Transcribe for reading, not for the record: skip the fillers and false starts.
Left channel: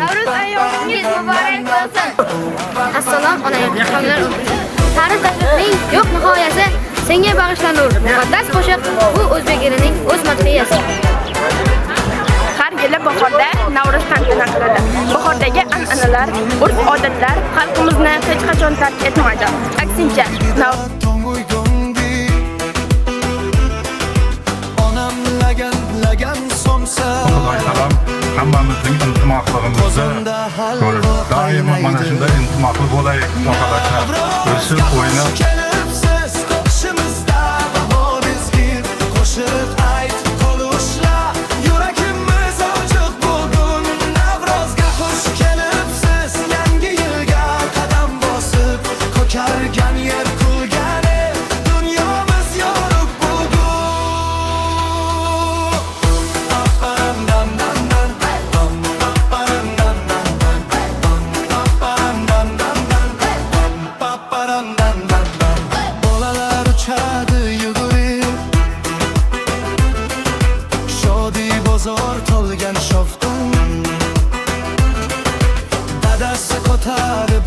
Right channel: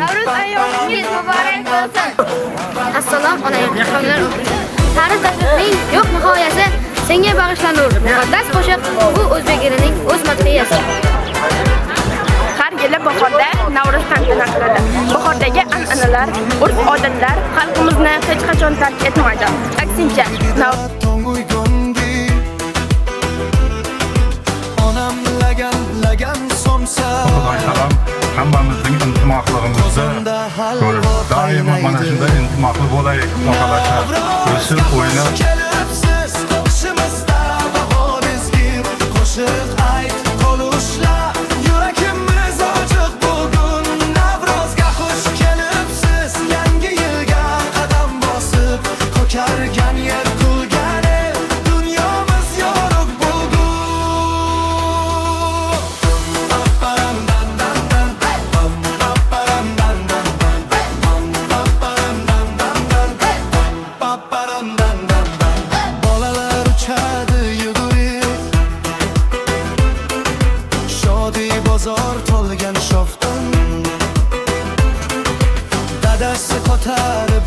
Navruz ayomingiz muborak bo'lsin. Assalom onajon, qavmlar o'quvchi. Tarix tashriqning yo'q nihoyasi senga bag'ishlanur. Muqaddas qo'shiq bu o'zbek elining o'z madhiyasi. Har yili bahorda Navruz tantana qiladi. Bahordagi an'analar, urf-odatlar xalqimizni hech qachon tark etmaydi. Aksincha, onam lagan somsa. Xudoy xalam hammamizning intimoqligimizni ko'rib, doimo mana shunday intimoqli bo'laylik, xohlasak. O'sib o'ynab Kelibsiz qo'shimizda bahorizgir qo'shiq ayt qolushla yuragimiz ochiq bugun Navrozga xush kelibsiz yangi yilga qadam bosib ko'kargan yer kulgan el dunyomiz yorug' bugun bolalar uchadi yugurib shodi bozor to'lgan shovqin dadasi ko'tarib